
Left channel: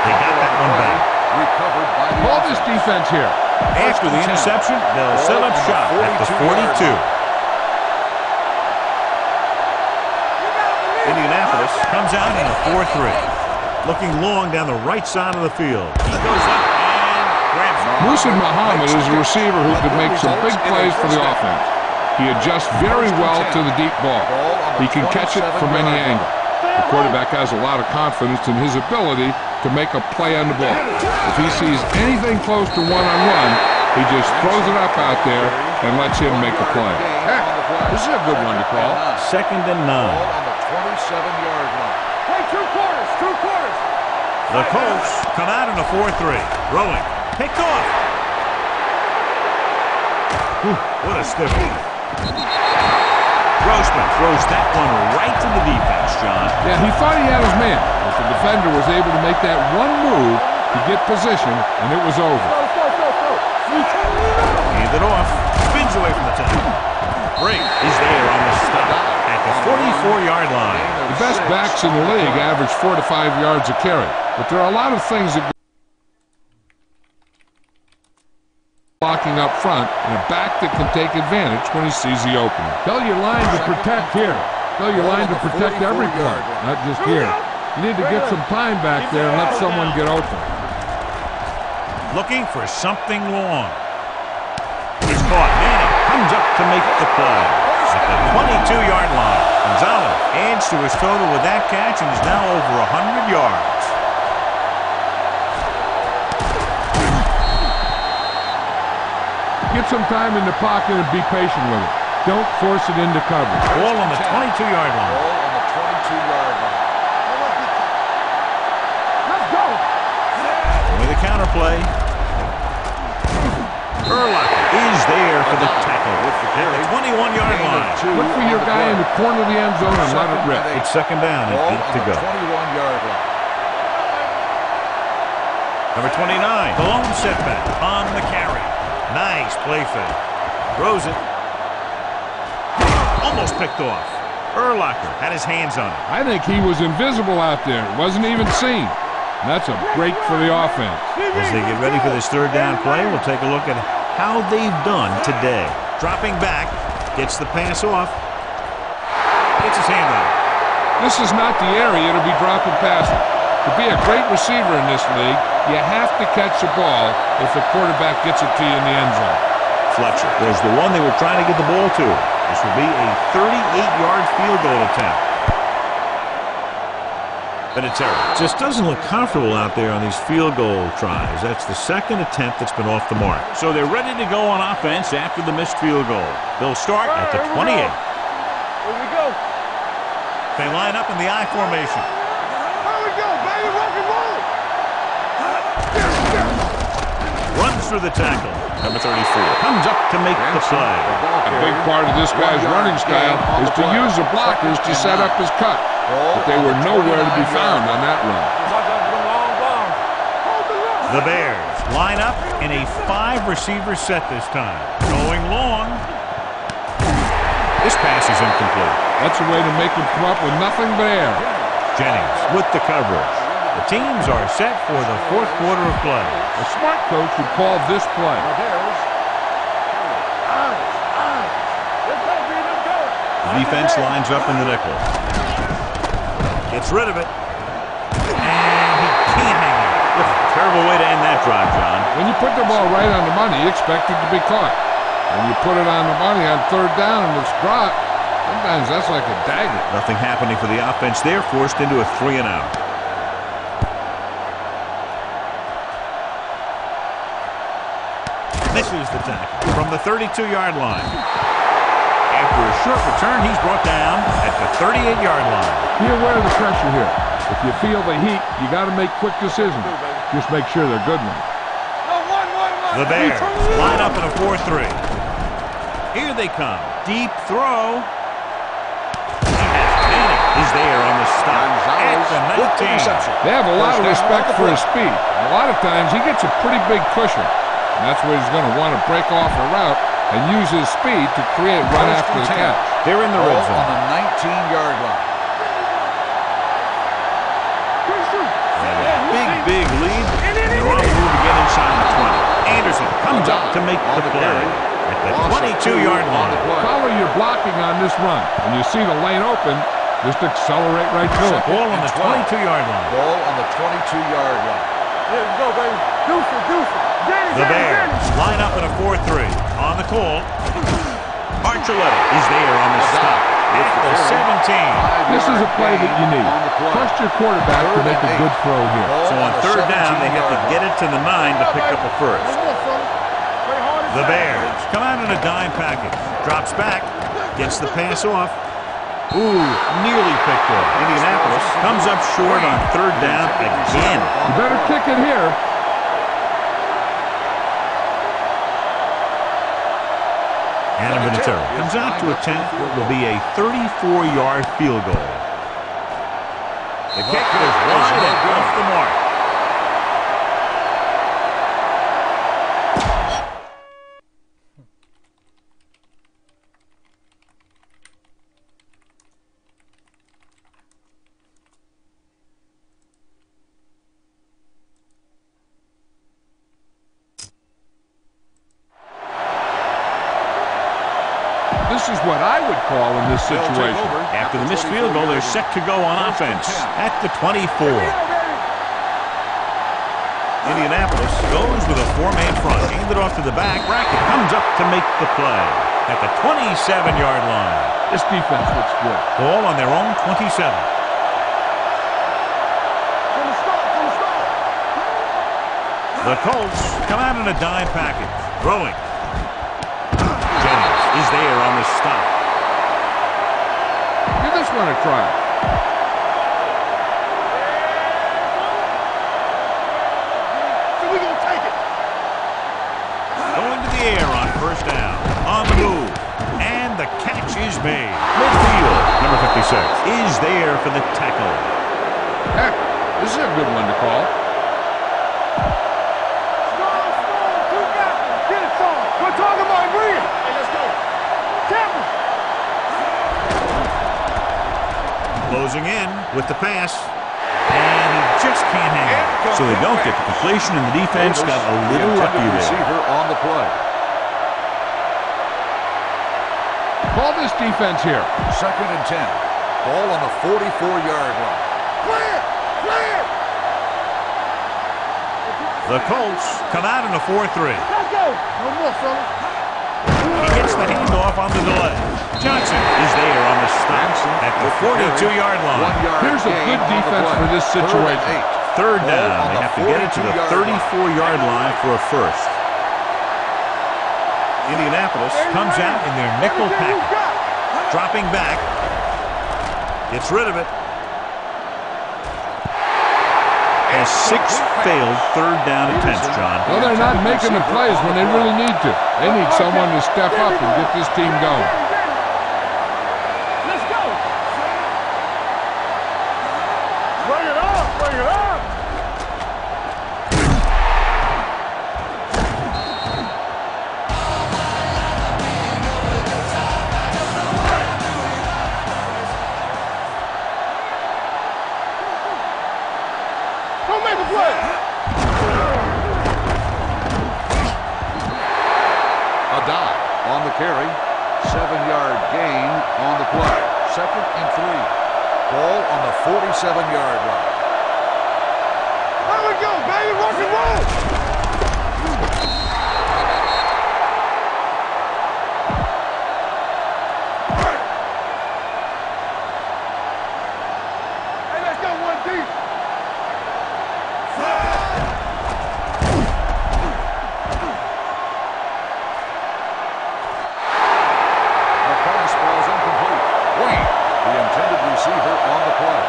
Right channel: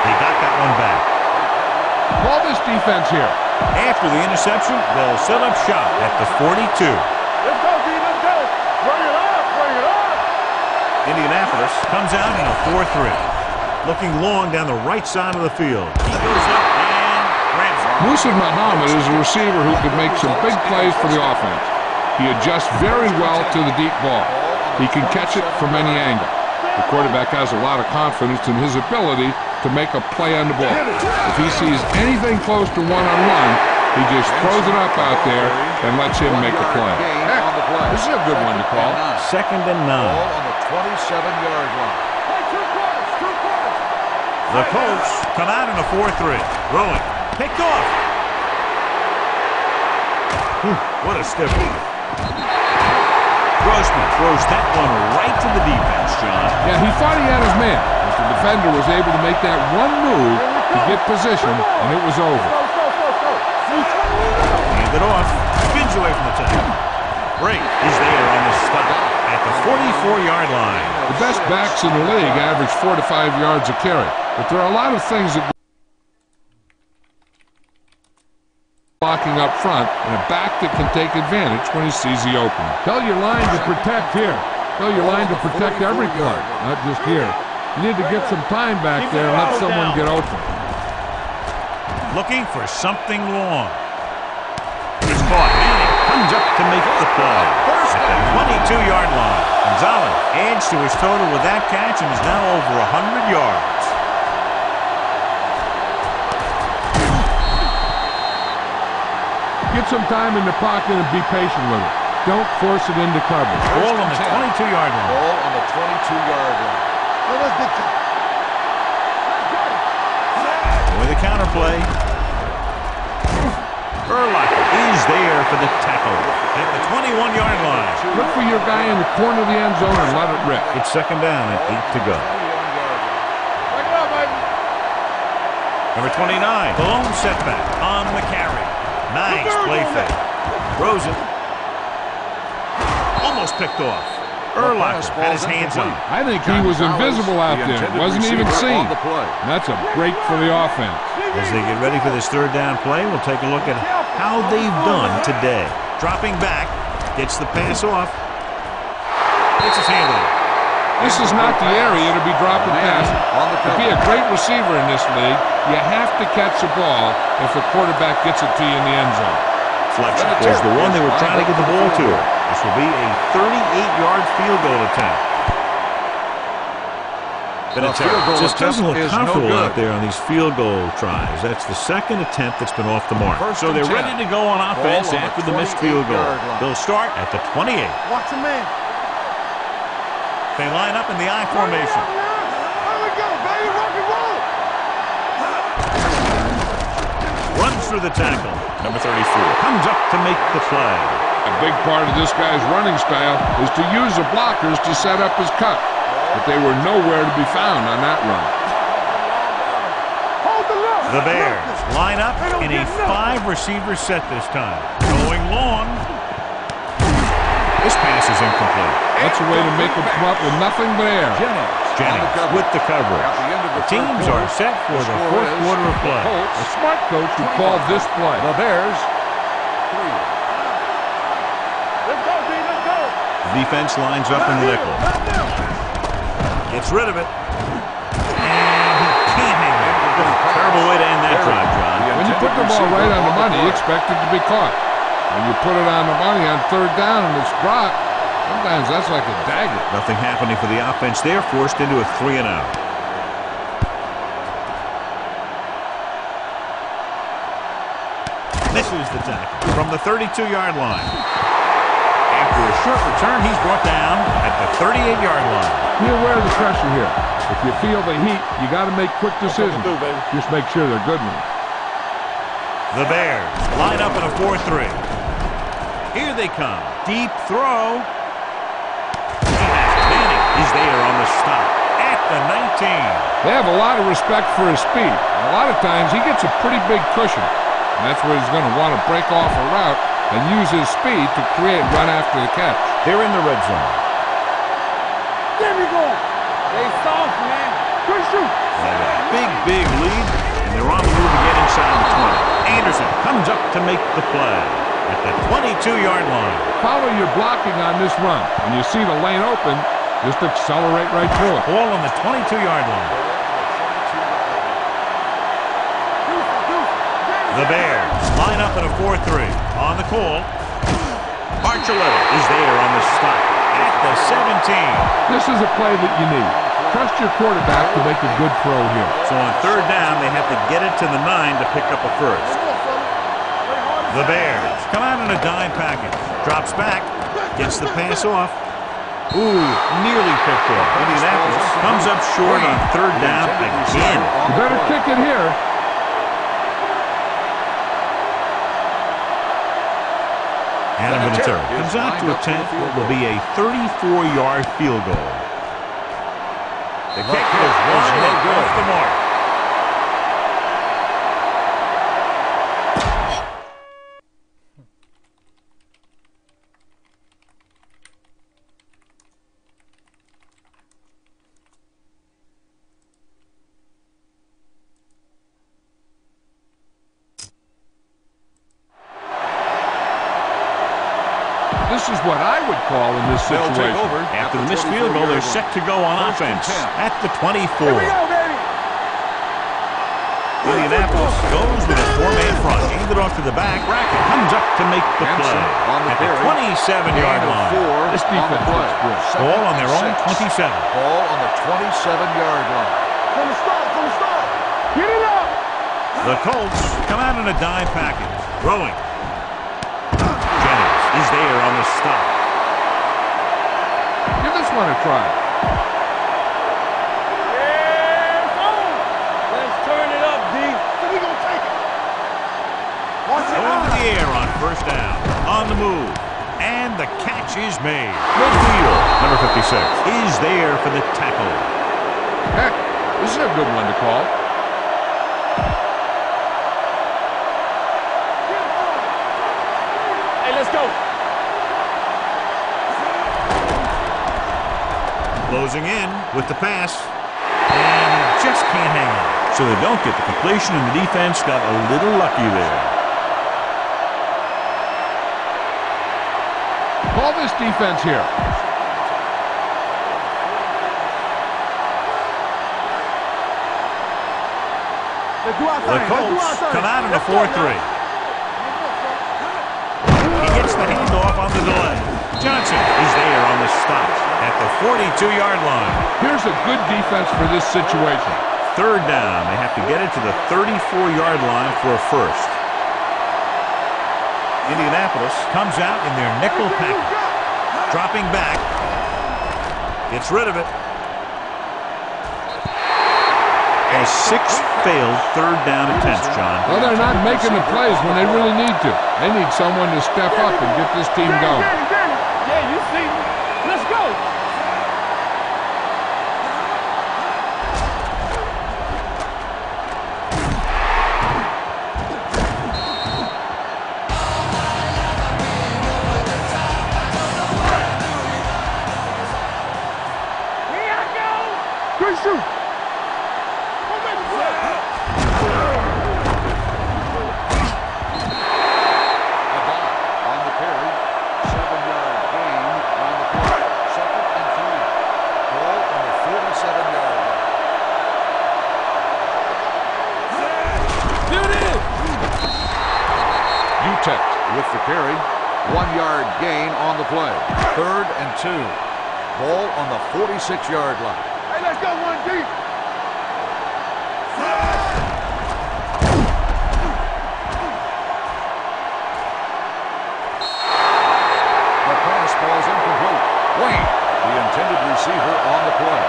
They got that one back. Recovered by the Call this defense here. After the interception, they'll set up shop at the 42. Let's go, D. Let's go. Bring it up. Bring it up. Indianapolis comes out in a 4-3. Looking long down the right side of the field. He goes up and grabs it. Musa Muhammad is a receiver who could make some big plays for the offense. He adjusts very well to the deep ball. He can catch it from any angle. The quarterback has a lot of confidence in his ability to make a play on the ball. If he sees anything close to one-on-one, he just throws it up out there and lets him make a play. Heck, this is a good one to call. 2nd and 9. Ball on the 27-yard line. Play 2 quarters. 2 quarters. The Colts come out in a 4-3. Throwing. Picked off. Whew, what a stiff one. Grossman throws that one right to the defense, John. Yeah, he thought he had his man, but the defender was able to make that one move to get position, and it was over. Go. Hand it off. Spins away from the tackle. Break is there on the stop at the 44-yard line. The best backs in the league average 4 to 5 yards a carry, but there are a lot of things that blocking up front and a back that can take advantage when he sees the opening. Tell your line to protect here. Tell your line to protect every play, not just here. You need to get some time back there and let someone get open. Looking for something long. He's caught. Manning comes up to make the play at the 22-yard line. Gonzalez adds to his total with that catch and is now over 100 yards. Get some time in the pocket and be patient with it. Don't force it into coverage. Ball on the 22-yard line. Ball on the 22-yard line. Let's go. With a counterplay. Urlacher is there for the tackle at the 21-yard line. Look for your guy in the corner of the end zone and let it rip. It's 2nd down and 8 to go. 21-yard line. Bring it up, baby. Number 29, the lone setback on the carry. Nice play fake. Throws it. Almost picked off. Urlacher had his hands on it. I think he was invisible out there. Wasn't even seen. And that's a break for the offense. As they get ready for this 3rd down play, we'll take a look at how they've done today. Dropping back, gets the pass off. Gets his hand on it. This is not the area to be dropping passes. To be a great receiver in this league, you have to catch the ball if the quarterback gets it to you in the end zone. Fletcher was the one they were trying to get the ball to. This will be a 38-yard field goal attempt. Vinatieri just doesn't look comfortable out there on these field goal tries. That's the 2nd attempt that's been off the mark. So they're ready to go on offense after the missed field goal. They'll start at the 28. Watch the man. Here we go. They line up in the I formation. Here we go, baby. Rock and roll. Runs through the tackle. Number 34 comes up to make the play. A big part of this guy's running style is to use the blockers to set up his cut. But they were nowhere to be found on that run. Watch out for them long balls. Hold the look. The Bears line up in a 5-receiver set this time. Going long. This pass is incomplete. That's a way to make him come up with nothing but air. Jennings with the coverage. The teams are set for the 4th quarter of play. A smart coach would call this play. The Bears, 3. Let's go, B. Let's go. The defense lines up in the nickel. Gets rid of it. And he can't hang it. Terrible way to end that drive, John. When you put the ball right on the money, you expect it to be caught. When you put it on the money on third down and it's dropped, sometimes that's like a dagger. Nothing happening for the offense there, forced into a 3-and-out. Misses the tackle from the 32-yard line. After a short return, he's brought down at the 38-yard line. Be aware of the pressure here. If you feel the heat, you got to make quick decisions. Just make sure they're good ones. The Bears line up in a 4-3. Here they come. Deep throw. He has Manning is there on the stop at the 19. They have a lot of respect for his speed. A lot of times he gets a pretty big cushion. And that's where he's going to want to break off a route and use his speed to create run after the catch. They're in the red zone. On the 19-yard line. There we go. They soft, man. Good shoot. They have a big lead, and they're on the move again inside the 20. Anderson comes up to make the play at the 22-yard line. Follow your blocking on this run. When you see the lane open, just accelerate right through it. Ball on the 22-yard line. Ball on the 22-yard line. There we go, baby. Deuce it. The Bears line up in a 4-3. On the call, Archuleta is there on the stop at the 17. This is a play that you need. Trust your quarterback to make a good throw here. So on third down, they have to get it to the 9 to pick up a first. The Bears come out in a dime package. Drops back, gets the pass off. Ooh, nearly picked off. Indianapolis comes up short on third down again. You better kick it here. Adam Vinatieri comes out to attempt what will be a 34-yard field goal. The kick was wide and off the mark. This is what I would call in this situation. After the missed field goal, they're set to go on offense at the 24. Indianapolis goes with a 4-man front. Hand it off to the back. Brackett comes up to make the play at the 27-yard line. This defense looks good. Ball on their own 27. Ball on the 27-yard line. From the start. Get it up. The Colts come out in a dime package. Throwing. Jennings is there on the stop. Give this one a try. Yeah, it's on. Let's turn it up, D. So we gonna take it. Going to the air on first down. On the move. And the catch is made. Midfield, number 56, is there for the tackle. Heck, this is a good one to call. Get it, son. We're talking about agreeing. Hey, let's go. Tackle. Closing in with the pass. And he just can't hang on. So they don't get the completion, and the defense got a little lucky there. On the play. Call this defense here. 2nd and 10. Ball on the 44-yard line. Clear. The Colts come out in a 4-3. Let's go. No more, fellas. He gets the handoff on the delay. Johnson is there on the stop at the 42-yard line. Here's a good defense for this situation. Third down. They have to get it to the 34-yard line for a first. Indianapolis comes out in their nickel package. Dropping back. Gets rid of it. Has 6 failed third down attempts, John. Well, they're not making the plays when they really need to. They need someone to step up and get this team going. Yeah, you see. Let's go. Bring it up. Here I go. Good shoot. Don't make the play. A dive on the carry. 7-yard gain on the play. 2nd and 3. Ball on the 47-yard line. There we go, baby. Rock and roll. Utah with the carry. 1-yard gain on the play. 3rd and 2. Ball on the 46-yard line. Hey, let's go one deep. The pass ball's incomplete. Wayne, the intended receiver, on the play.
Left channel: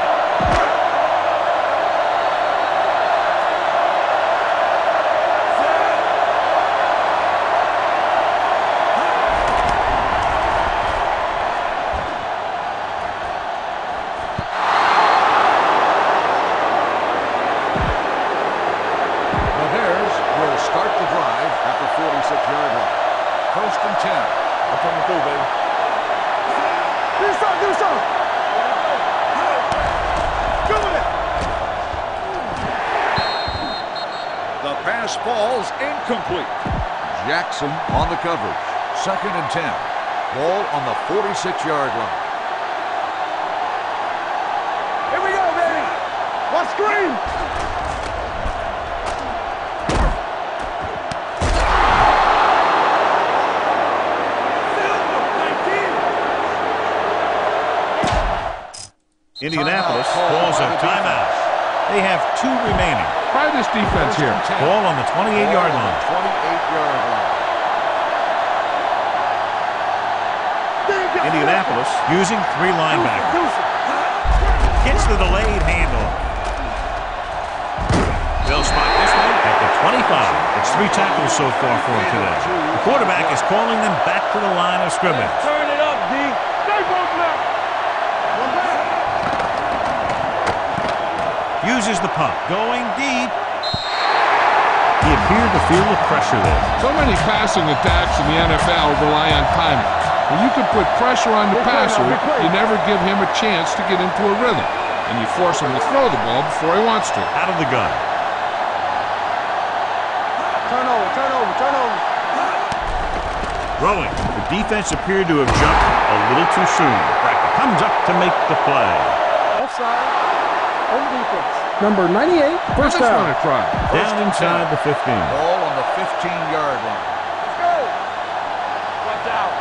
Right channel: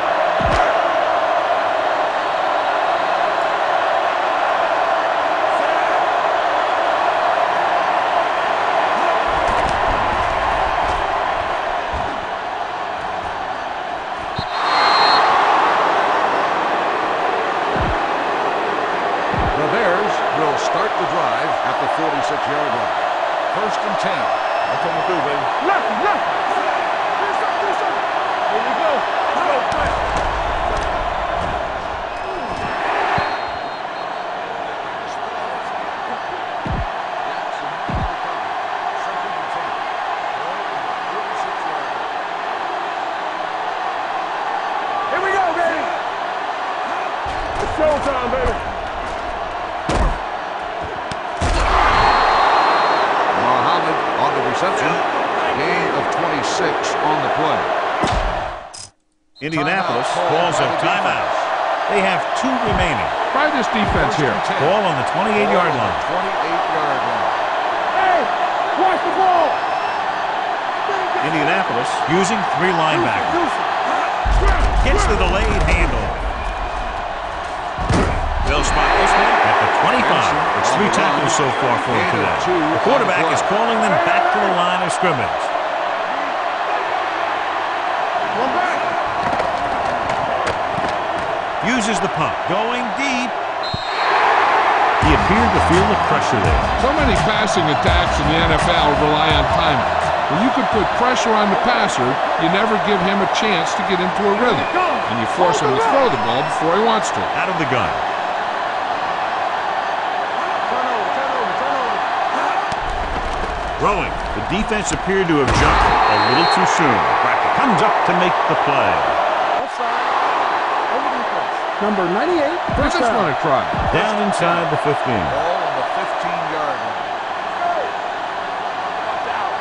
The Bears will start the drive at the 46-yard line. 1st and 10. I'm coming through, baby. Left. Do something. Here we go. Go with it. The pass ball's incomplete. Jackson on the coverage. 2nd and 10. Ball on the 46-yard line. Here we go, baby. One screen. It's showtime, baby. Muhammad on the reception. Gain of 26 on the play. Indianapolis calls a timeout. They have 2 remaining. Try this defense here. Ball on the 28-yard line. 28-yard line. Hey, watch the ball. Indianapolis using 3 linebackers. Gets the delayed handoff. They'll spot this one at the 25. It's 3 tackles so far for him today. The quarterback is calling them back to the line of scrimmage. Turn it up, D. Stay both left. One back. Uses the pump. Going deep. He appeared to feel the pressure there. So many passing attacks in the NFL rely on timing. When you can put pressure on the passer, you never give him a chance to get into a rhythm, and you force him to throw the ball before he wants to. Out of the gun. Turn over. Throwing. The defense appeared to have jumped a little too soon. Brackett comes up to make the play. Offside. On the defense. Number 98. I just want to try. Down inside the 15. Ball on the 15-yard line. Let's go. Watch out.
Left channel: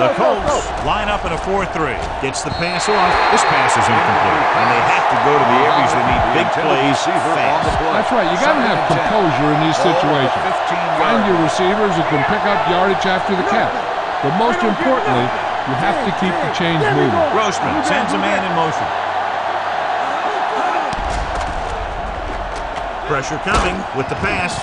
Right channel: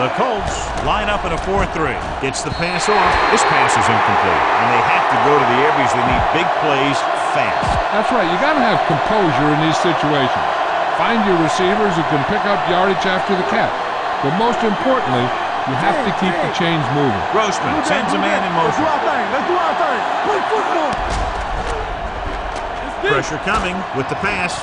The Colts line up in a 4-3. Gets the pass off. This pass is incomplete, and they have to go to the air because they need big plays fast. That's right. You got to have composure in these situations. Find your receivers who can pick up yardage after the catch. But most importantly, you have to keep the chains moving. Grossman sends a man in motion. Pressure coming with the pass.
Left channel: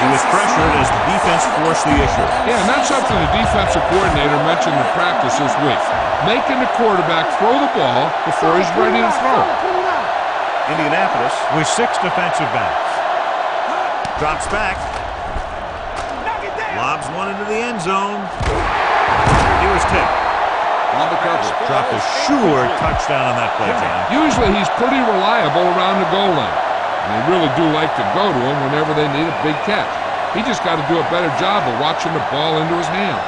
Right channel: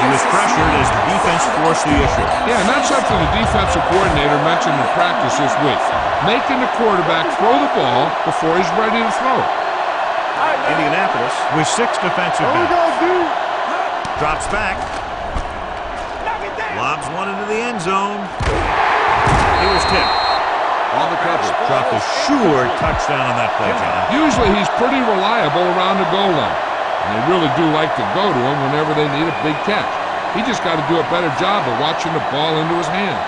He was pressured as the defense forced the issue. Yeah, and that's something the defensive coordinator mentioned in practice this week. Making the quarterback throw the ball before he's ready to throw it. Indianapolis with 6 defensive backs. Drops back. Lobs one into the end zone. He was tipped. On the cover. Dropped a sure touchdown on that play, John. Usually he's pretty reliable around the goal line. And they really do like to go to him whenever they need a big catch. He just got to do a better job of watching the ball into his hand.